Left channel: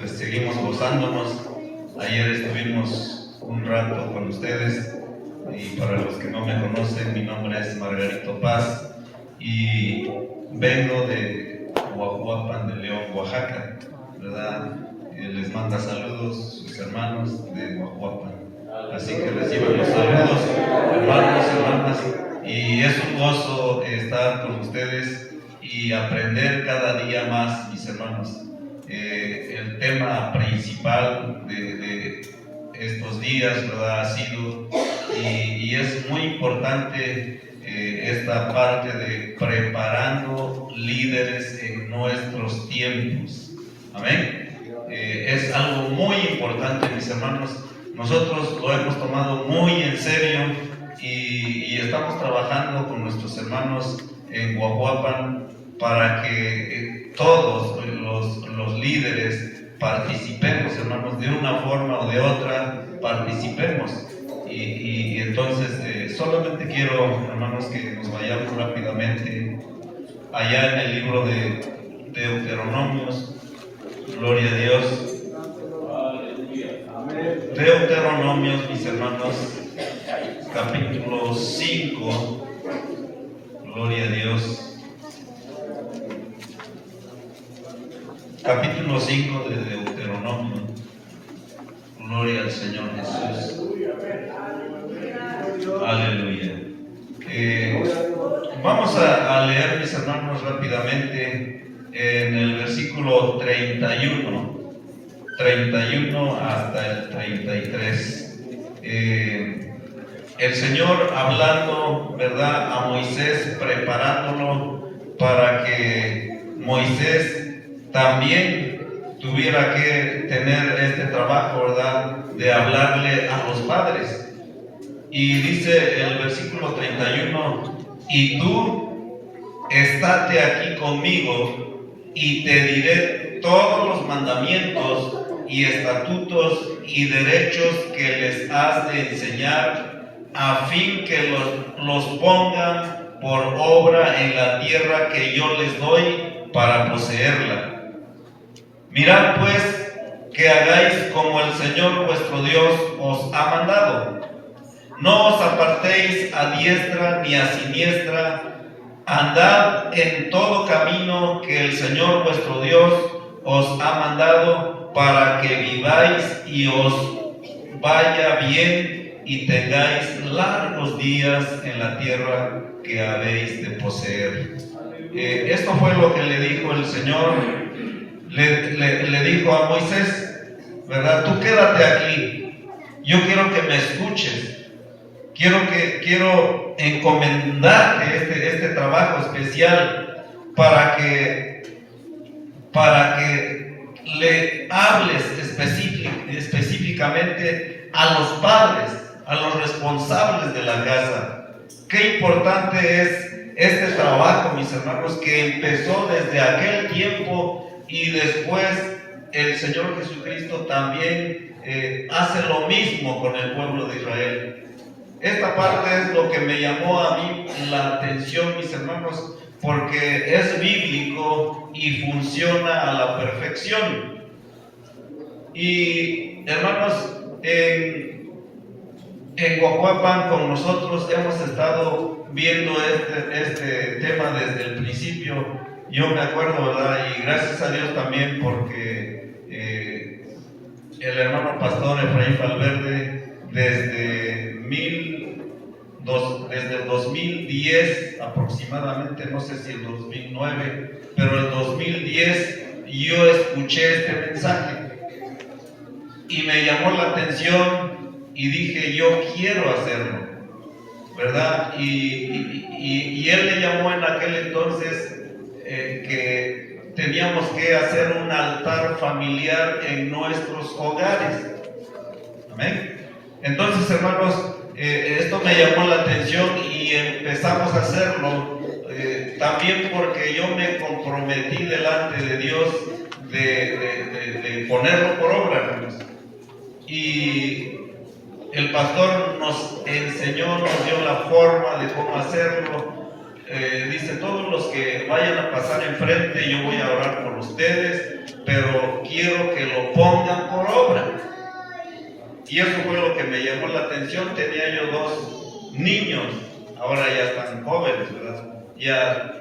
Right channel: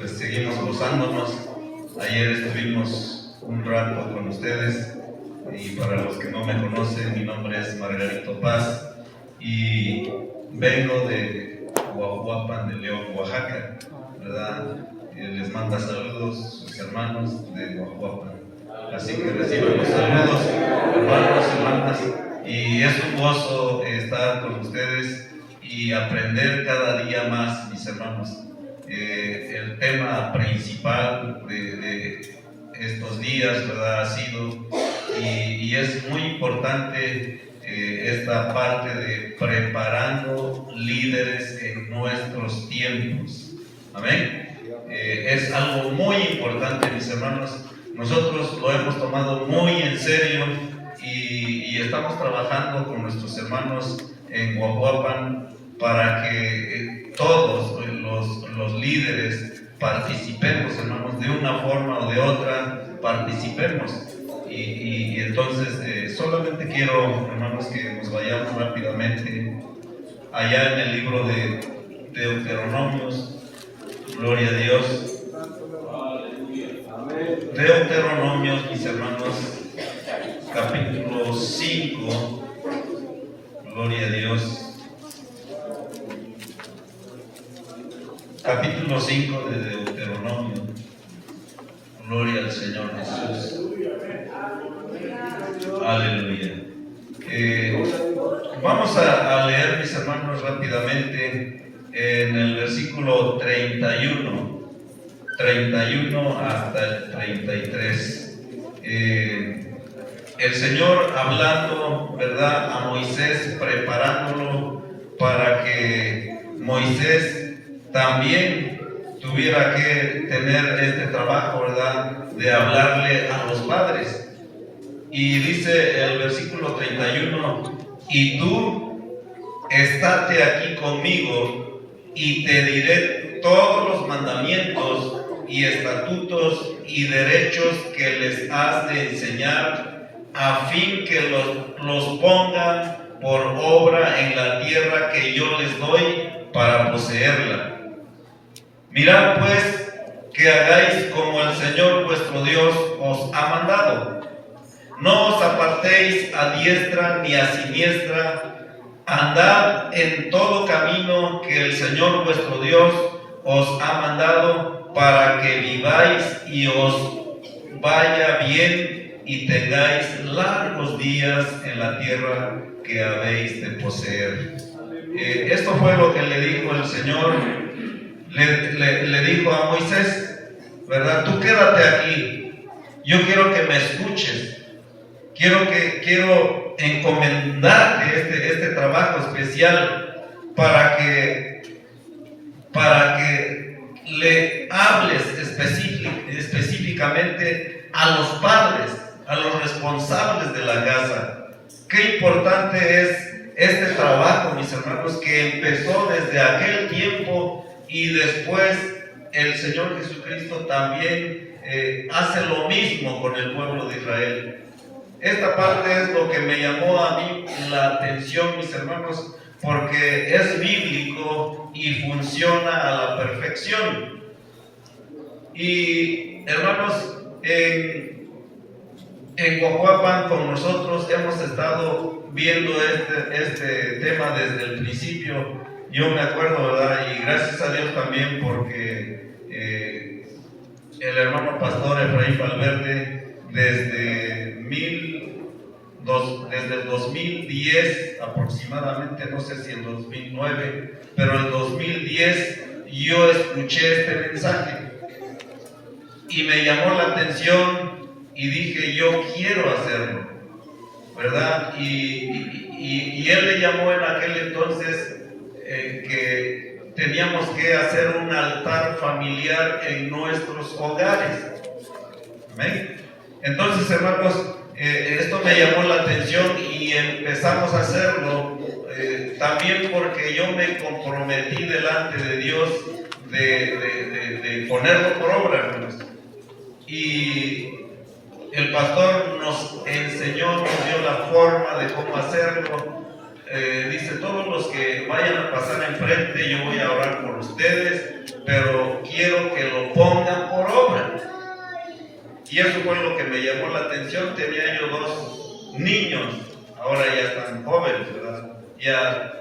pues seguimos gozándonos. Ayer estuvimos un rato con ustedes y para los que no me conocen, mi nombre es Margarito Paz y vengo de Huajuapan de León, Oaxaca, ¿verdad? Les manda saludos sus hermanos de Huajuapan, así que reciban los saludos, hermanos, hermanas, y es un gozo estar con ustedes y aprender cada día más, mis hermanos. El tema principal de estos días, ¿verdad?, ha sido, y es muy importante esta parte de preparando líderes en nuestros tiempos. Amén. Es algo muy importante, mis hermanos. Nosotros lo hemos tomado muy en serio y estamos trabajando con nuestros hermanos en Huajuapan para que todos los líderes participemos, hermanos, de una forma o de otra, participemos. Y entonces solamente quiero, hermanos, que nos vayamos rápidamente allá en el libro de Deuteronomios. Gloria a Dios. Deuteronomios, mis hermanos, capítulo 5. Gloria a Dios. Capítulo 5 de Deuteronomio. Gloria al Señor Jesús. Aleluya. Vamos a leer, mis hermanos, rápidamente en el versículo 31 hasta el 33. El Señor hablando, ¿verdad?, a Moisés, preparándolo para que Moisés también tuviera que tener este trabajo, ¿verdad?, de hablarle a los padres. Y dice el versículo 31: y tú estate aquí conmigo y te diré todos los mandamientos y estatutos y derechos que les has de enseñar, a fin que los pongan por obra en la tierra que yo les doy para poseerla. Mirad pues que hagáis como el Señor vuestro Dios os ha mandado. No os apartéis a diestra ni a siniestra. Andad en todo camino que el Señor vuestro Dios os ha mandado, para que viváis y os vaya bien y tengáis largos días en la tierra que habéis de poseer. Esto fue lo que le dijo el Señor. Le dijo a Moisés, ¿verdad? Tú quédate aquí. Yo quiero que me escuches. Quiero encomendarte este trabajo especial para que le hables específicamente a los padres, a los responsables de la casa. Qué importante es este trabajo, mis hermanos, que empezó desde aquel tiempo y después el Señor Jesucristo también hace lo mismo con el pueblo de Israel. Esta parte es lo que me llamó a mí la atención, mis hermanos, porque es bíblico y funciona a la perfección. Y hermanos, en Huajuapan con nosotros hemos estado viendo este tema desde el principio. Yo me acuerdo, ¿verdad? Y gracias a Dios también, porque el hermano pastor Efraín Valverde desde el 2010 aproximadamente, no sé si el 2009, pero el 2010 yo escuché este mensaje y me llamó la atención y dije, yo quiero hacerlo, ¿verdad? Y él le llamó en aquel entonces que teníamos que hacer un altar familiar en nuestros hogares. Amén. Entonces, hermanos, esto me llamó la atención y empezamos a hacerlo, también porque yo me comprometí delante de Dios de ponerlo por obra, hermanos. Y el pastor nos enseñó, nos dio la forma de cómo hacerlo. Dice, todos los que vayan a pasar enfrente, yo voy a orar por ustedes, pero quiero que lo pongan por obra. Y eso fue lo que me llamó la atención. Tenía yo 2 niños, ahora ya están jóvenes, ¿verdad? Ya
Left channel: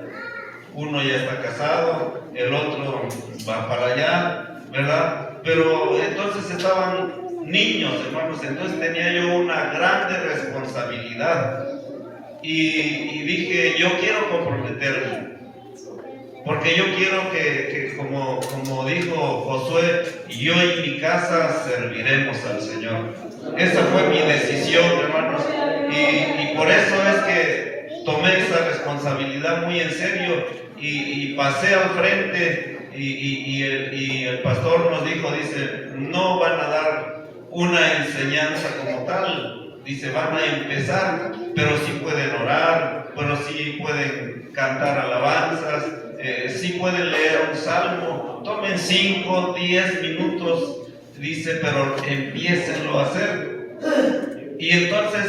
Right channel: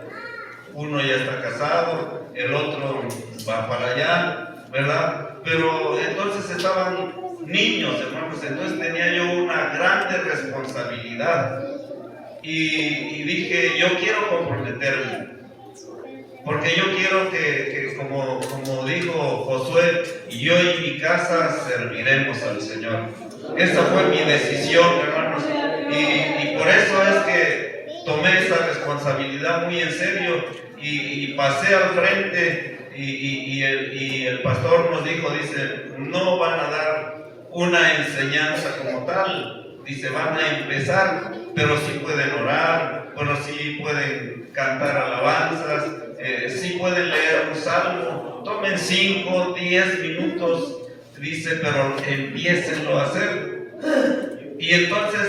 uno ya está casado, el otro va para allá, ¿verdad? Pero entonces estaban niños, hermanos, entonces tenía yo una grande responsabilidad. Y dije, yo quiero comprometerme, porque yo quiero que como dijo Josué, yo y mi casa serviremos al Señor. Esa fue mi decisión, hermanos, y por eso es que tomé esa responsabilidad muy en serio y pasé al frente y el pastor nos dijo, dice, no van a dar una enseñanza como tal, dice, van a empezar, pero sí pueden orar, pero sí pueden cantar alabanzas, sí pueden leer un salmo, tomen 5, 10 minutos, dice, pero empiecenlo a hacer. Y entonces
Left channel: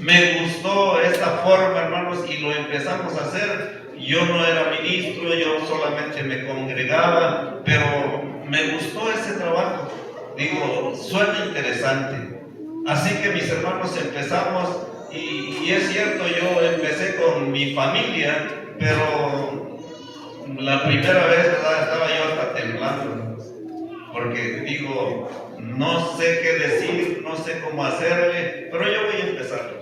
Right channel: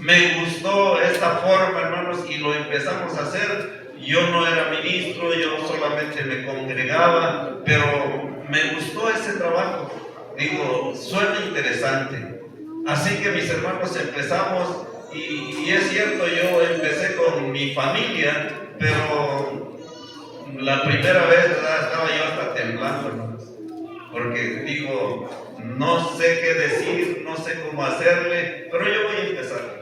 me gustó esta forma, hermanos, y lo empezamos a hacer. Yo no era ministro, yo solamente me congregaba, pero me gustó ese trabajo. Digo, suena interesante. Así que mis hermanos empezamos, y es cierto, yo empecé con mi familia, pero la primera vez estaba yo hasta temblando, hermanos, porque digo, no sé qué decir, no sé cómo hacerle, pero yo voy a empezar.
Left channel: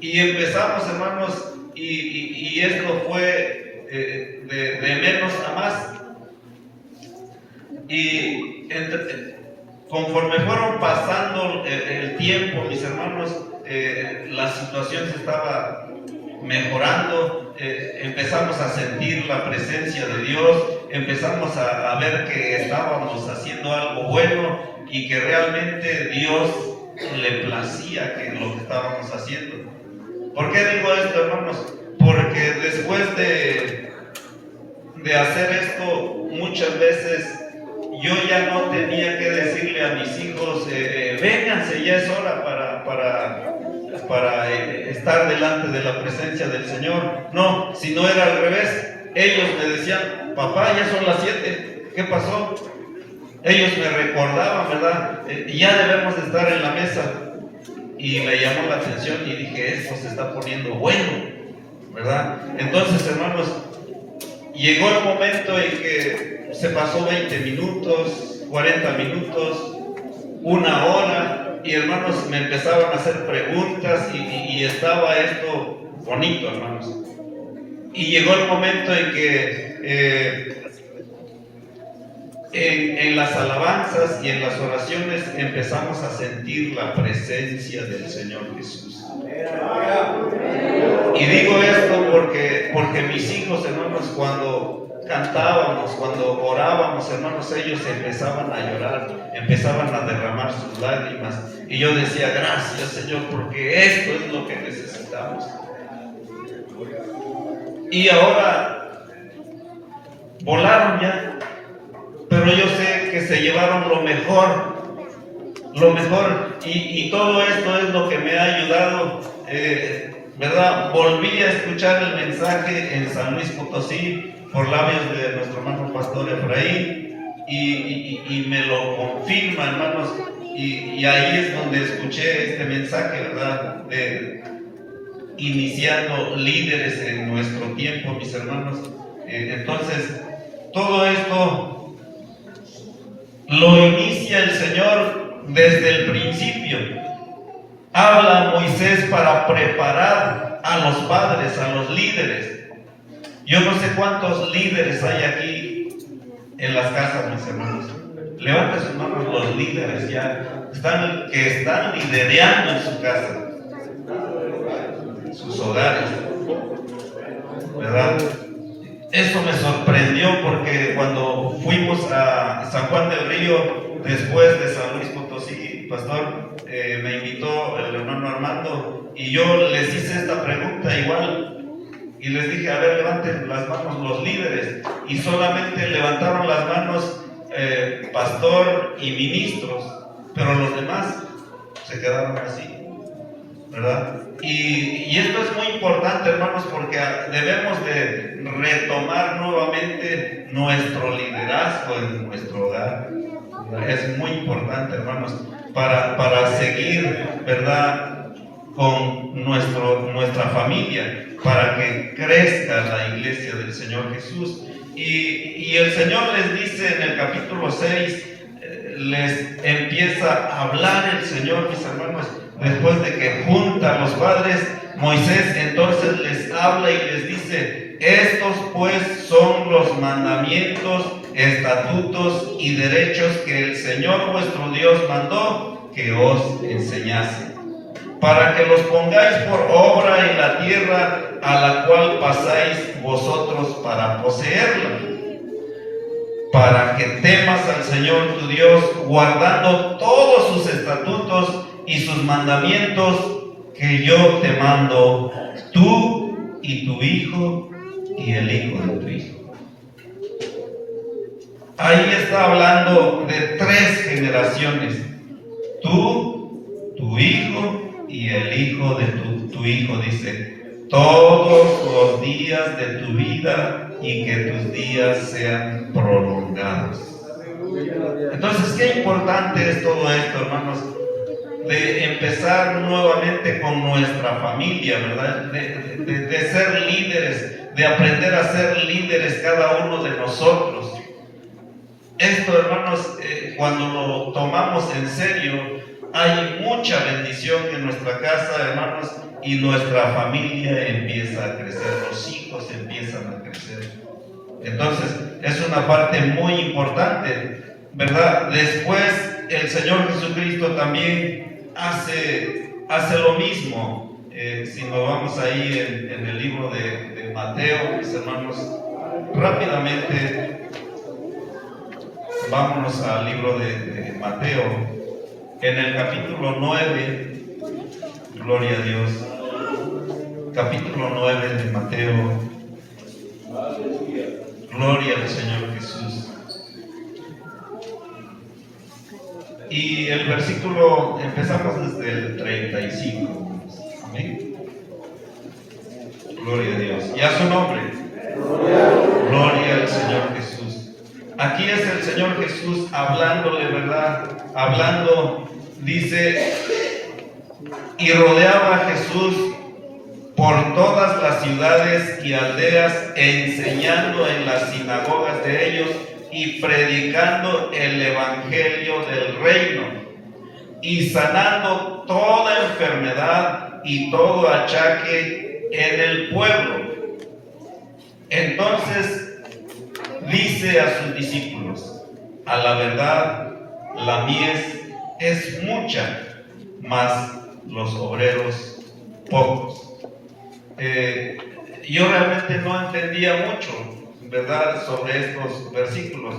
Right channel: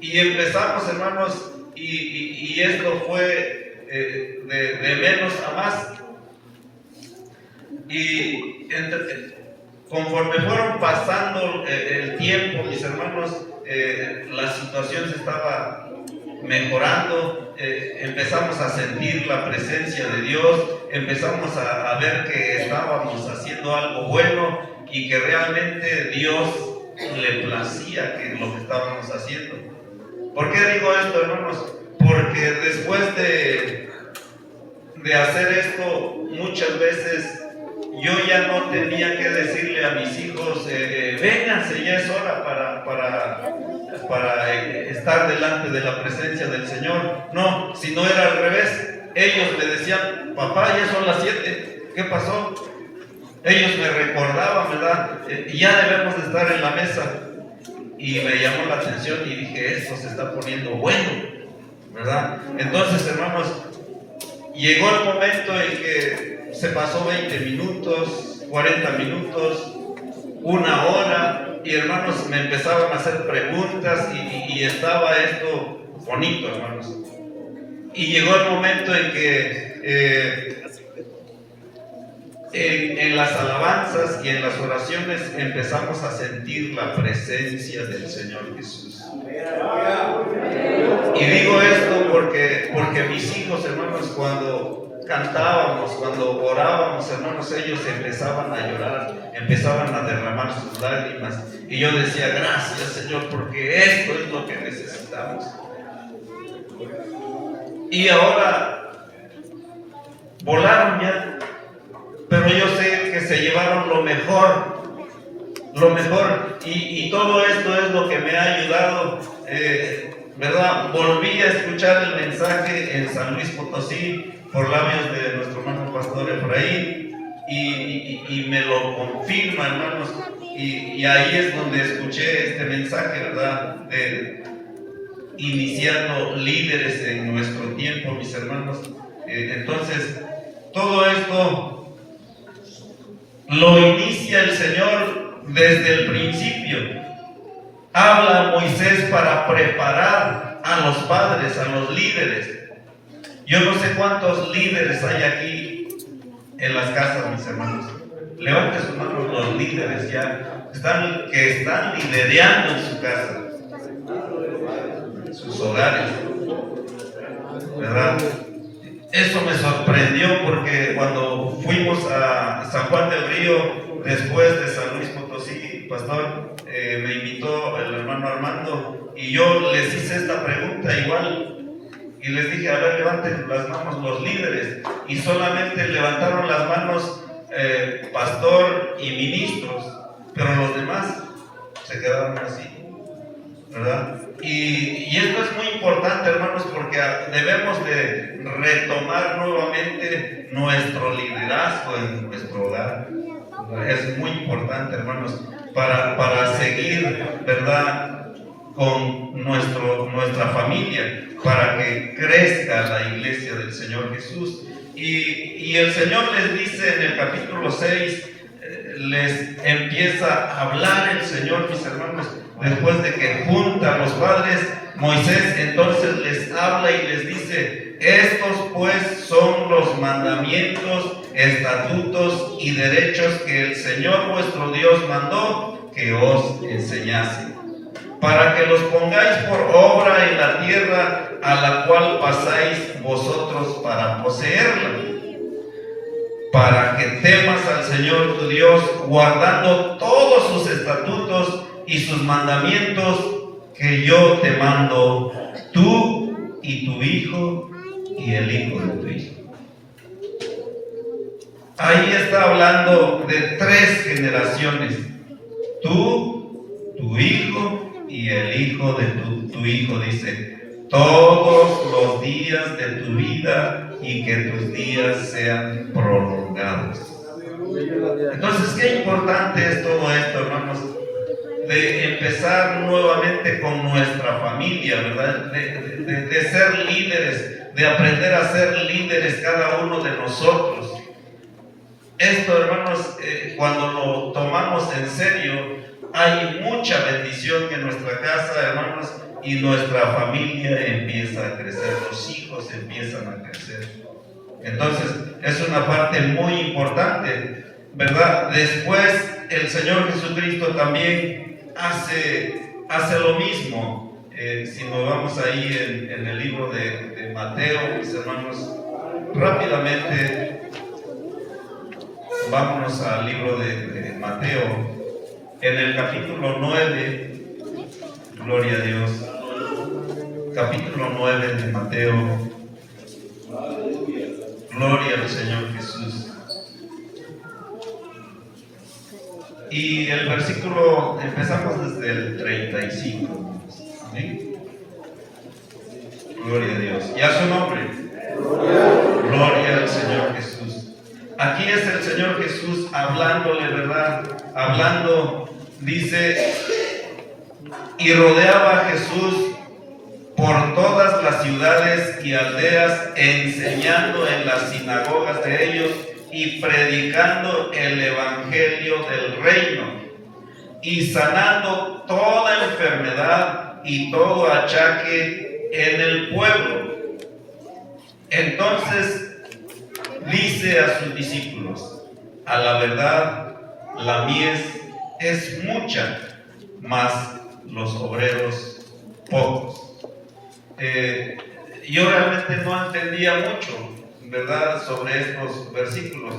Y empezamos, hermanos, y esto fue de menos a más. Y conforme fueron pasando el tiempo, mis hermanos, la situación se estaba mejorando, empezamos a sentir la presencia de Dios, empezamos a ver que estábamos haciendo algo bueno y que realmente Dios le placía que lo que estábamos haciendo. ¿Por qué digo esto, hermanos? Porque después de hacer esto, muchas veces yo ya no tenía que decirle a mis hijos, vénganse, ya es hora para estar delante de la presencia del Señor. No, si no era al revés, ellos me decían, papá, ya son las 7, ¿qué pasó? Ellos me recordaban, ¿verdad? Ya debemos de estar en la mesa. Y me llamó la atención y dije, esto se está poniendo bueno, ¿verdad? Entonces, hermanos, llegó el momento en que se pasó 20 minutos, 40 minutos, 1 hora, y hermanos, me empezaron a hacer preguntas y estaba esto bonito, hermanos. Y llegó el momento en que en las alabanzas y en las oraciones empezamos a sentir la presencia del Señor Jesús. Y digo esto porque mis hijos, hermanos, cuando cantábamos, cuando orábamos, hermanos, ellos empezaban a llorar, empezaban a derramar sus lágrimas. Y yo decía, gracias, Señor, porque esto es lo que necesitamos. Y ahora volaron ya, pero yo sé que se llevaron lo mejor, y todo esto es lo que me ha ayudado, ¿verdad? Volví a escuchar el mensaje en San Luis Potosí por labios de nuestro hermano pastor Efraín, y me lo confirma, hermanos, y ahí es donde escuché este mensaje, ¿verdad? Iniciando líderes en nuestro tiempo, mis hermanos. Entonces, todo esto lo inicia el Señor desde el principio. Habla a Moisés para preparar a los padres, a los líderes. Yo no sé cuántos líderes hay aquí en las casas, mis hermanos. Levanten sus manos los líderes ya que están liderando en su casa, en sus hogares, ¿verdad? Eso me sorprendió porque cuando fuimos a San Juan del Río, después de San Luis Potosí, pastor, me invitó el hermano Armando y yo les hice esta pregunta igual y les dije, a ver, levanten las manos los líderes, y solamente levantaron las manos pastor y ministros, pero los demás se quedaron así, ¿verdad? Y esto es muy importante, hermanos, porque debemos de retomar nuevamente nuestro liderazgo en nuestro hogar. Es muy importante, hermanos, para seguir, ¿verdad?, con nuestra familia, para que crezca la iglesia del Señor Jesús. Y el Señor les dice en el capítulo 6, les empieza a hablar el Señor, mis hermanos, después de que junta a los padres. Moisés entonces les habla y les dice: estos pues son los mandamientos, estatutos y derechos que el Señor vuestro Dios mandó que os enseñase, para que los pongáis por obra en la tierra a la cual pasáis vosotros para poseerla, para que temas al Señor tu Dios, guardando todos sus estatutos y sus mandamientos que yo te mando, tú y tu hijo y el hijo de tu hijo. Ahí está hablando de 3 generaciones: tú, tu hijo y el hijo de tu hijo. Dice: todos los días de tu vida, y que tus días sean prolongados. Entonces, qué importante es todo esto, hermanos, de empezar nuevamente con nuestra familia, ¿verdad? De ser líderes, de aprender a ser líderes cada uno de nosotros. Esto, hermanos, cuando lo tomamos en serio, hay mucha bendición en nuestra casa, hermanos, y nuestra familia empieza a crecer, los hijos empiezan a crecer. Entonces, es una parte muy importante, ¿verdad? Después, el Señor Jesucristo también hace lo mismo. Si nos vamos ahí en el libro de Mateo, mis hermanos, rápidamente, vámonos al libro de Mateo, en el capítulo 9, gloria a Dios, capítulo 9 de Mateo, gloria al Señor Jesús. Y el versículo, empezamos desde el 35. Amén. Gloria a Dios. Y a su nombre. Gloria al Señor Jesús. Aquí es el Señor Jesús hablándole, ¿verdad? Hablando, dice: y rodeaba a Jesús por todas las ciudades y aldeas, enseñando en las sinagogas de ellos y predicando el evangelio del reino, y sanando toda enfermedad y todo achaque en el pueblo. Entonces dice a sus discípulos: a la verdad, la mies es mucha, mas los obreros pocos. Yo realmente no entendía mucho, ¿verdad?, sobre estos versículos.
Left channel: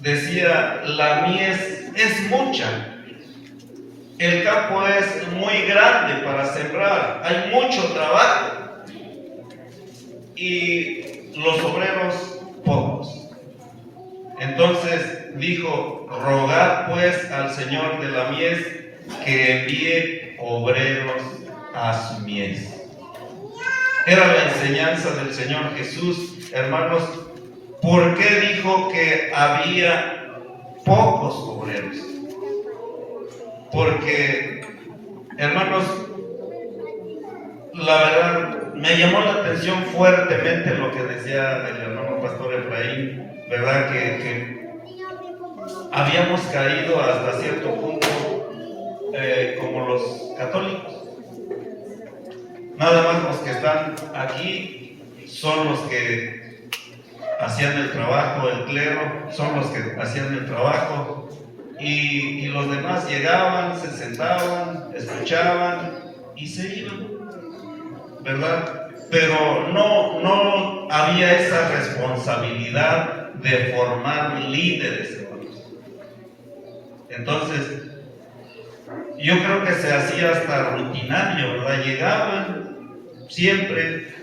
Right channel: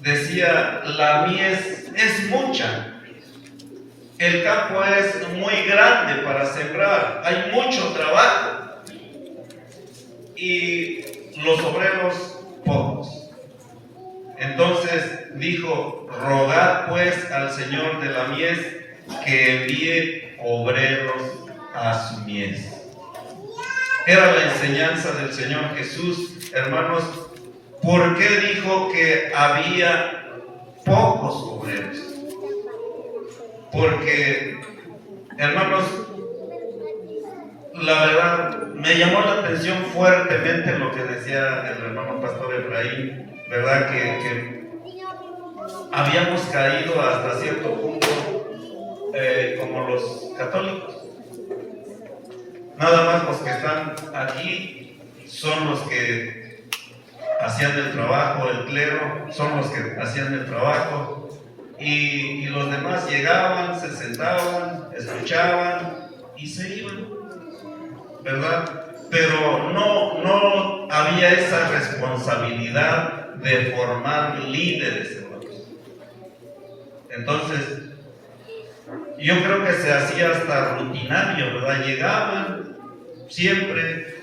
Decía: la mies es mucha, el campo es muy grande para sembrar, hay mucho trabajo, y los obreros pocos. Entonces dijo: rogad pues al Señor de la mies que envíe obreros a su mies. Era la enseñanza del Señor Jesús, hermanos. ¿Por qué dijo que había pocos obreros? Porque, hermanos, la verdad, me llamó la atención fuertemente lo que decía el hermano pastor Efraín, ¿verdad? Que habíamos caído hasta cierto punto como los católicos. Nada más los que están aquí son los que hacían el trabajo, el clero son los que hacían el trabajo, y los demás llegaban, se sentaban, escuchaban y se iban, ¿verdad? Pero no había esa responsabilidad de formar líderes, hermanos. Entonces, yo creo que se hacía hasta rutinario, ¿verdad? Llegaban siempre,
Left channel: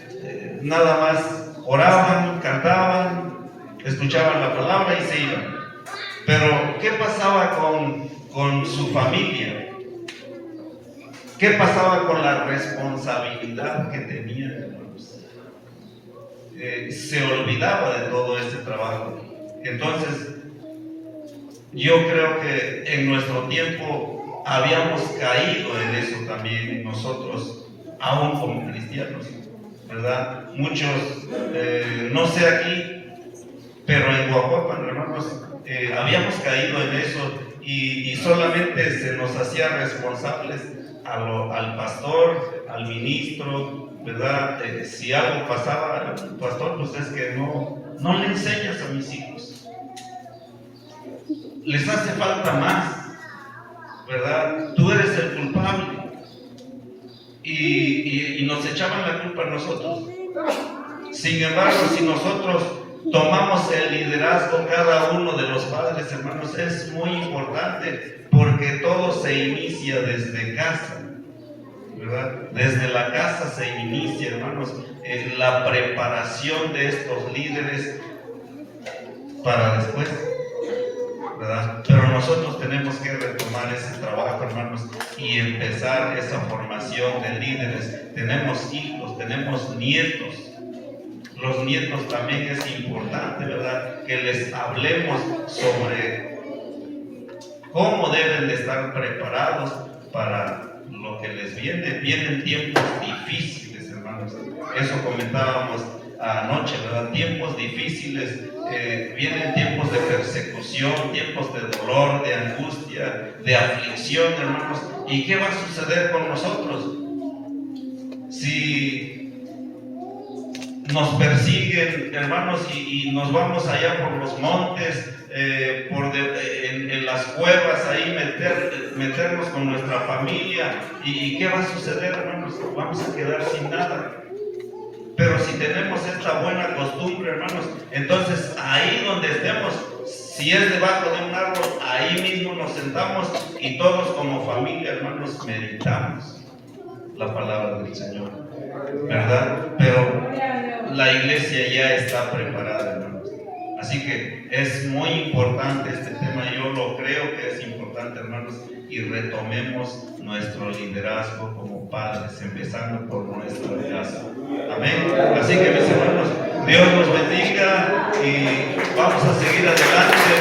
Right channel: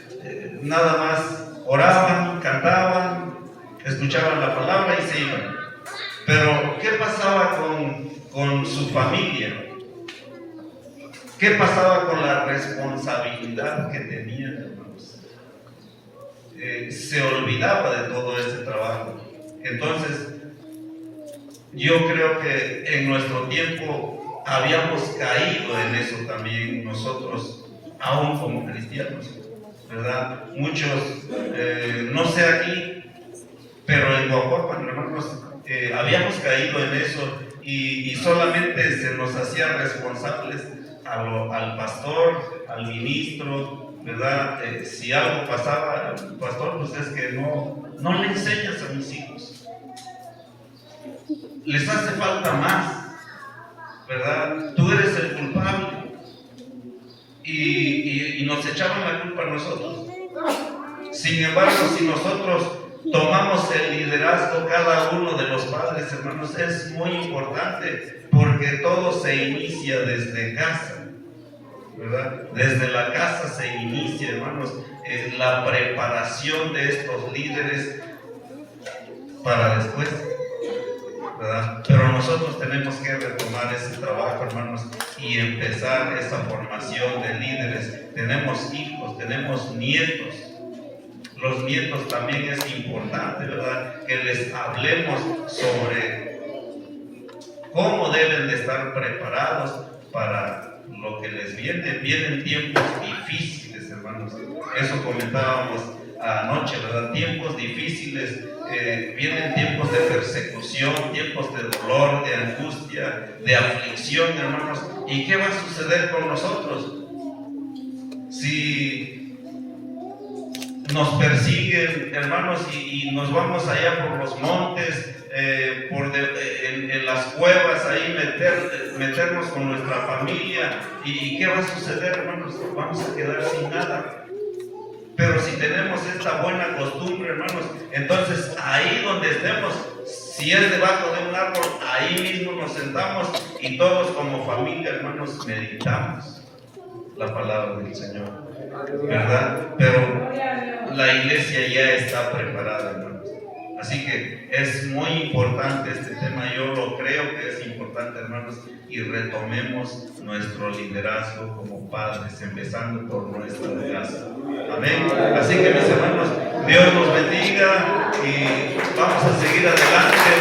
nada más oraban, cantaban, escuchaban la palabra y se iban. Pero, ¿qué pasaba con su familia? ¿Qué pasaba con la responsabilidad que tenían, hermanos? Se olvidaba de todo ese trabajo. Entonces, yo creo que en nuestro tiempo habíamos caído en eso también nosotros, aún como cristianos, ¿verdad? Muchos, no sé aquí, pero en Guajuapan, hermanos, habíamos caído en eso y solamente se nos hacía responsables al pastor, al ministro, ¿verdad? Si algo pasaba al pastor, pues es que no le enseñas a mis hijos. Les hace falta más, ¿verdad? Tú eres el culpable. Y nos echaban la culpa a nosotros. Sin embargo, si nosotros tomamos el liderazgo, cada uno de los padres, hermanos, es muy importante porque todo se inicia desde casa, ¿verdad? Desde la casa se inicia, hermanos, la preparación de estos líderes para después, ¿verdad? Pero nosotros tenemos que retomar ese trabajo, hermanos, y empezar esa formación de líderes. Tenemos hijos, tenemos nietos. Los nietos también es importante, ¿verdad? Que les hablemos sobre cómo deben de estar preparados para lo que les viene. Vienen tiempos difíciles, hermanos. Eso comentábamos anoche, ¿verdad? Tiempos difíciles. Vienen tiempos de persecución, tiempos de dolor, de angustia, de aflicción, hermanos. ¿Y qué va a suceder con nosotros? Si nos persiguen, hermanos, y nos vamos allá por los montes, en las cuevas, ahí meternos con nuestra familia, ¿y qué va a suceder, hermanos? Vamos a quedar sin nada. Pero si tenemos esta buena costumbre, hermanos, entonces ahí donde estemos, si es debajo de un árbol, ahí mismo nos sentamos y todos como familia, hermanos, meditamos la palabra del Señor, ¿verdad? Pero la iglesia ya está preparada, hermanos. Así que es muy importante este tema, yo lo creo que es importante, hermanos, y retomemos nuestro liderazgo como padres, empezando por nuestra casa. Amén. Así que mis hermanos, Dios los bendiga y vamos a seguir adelante.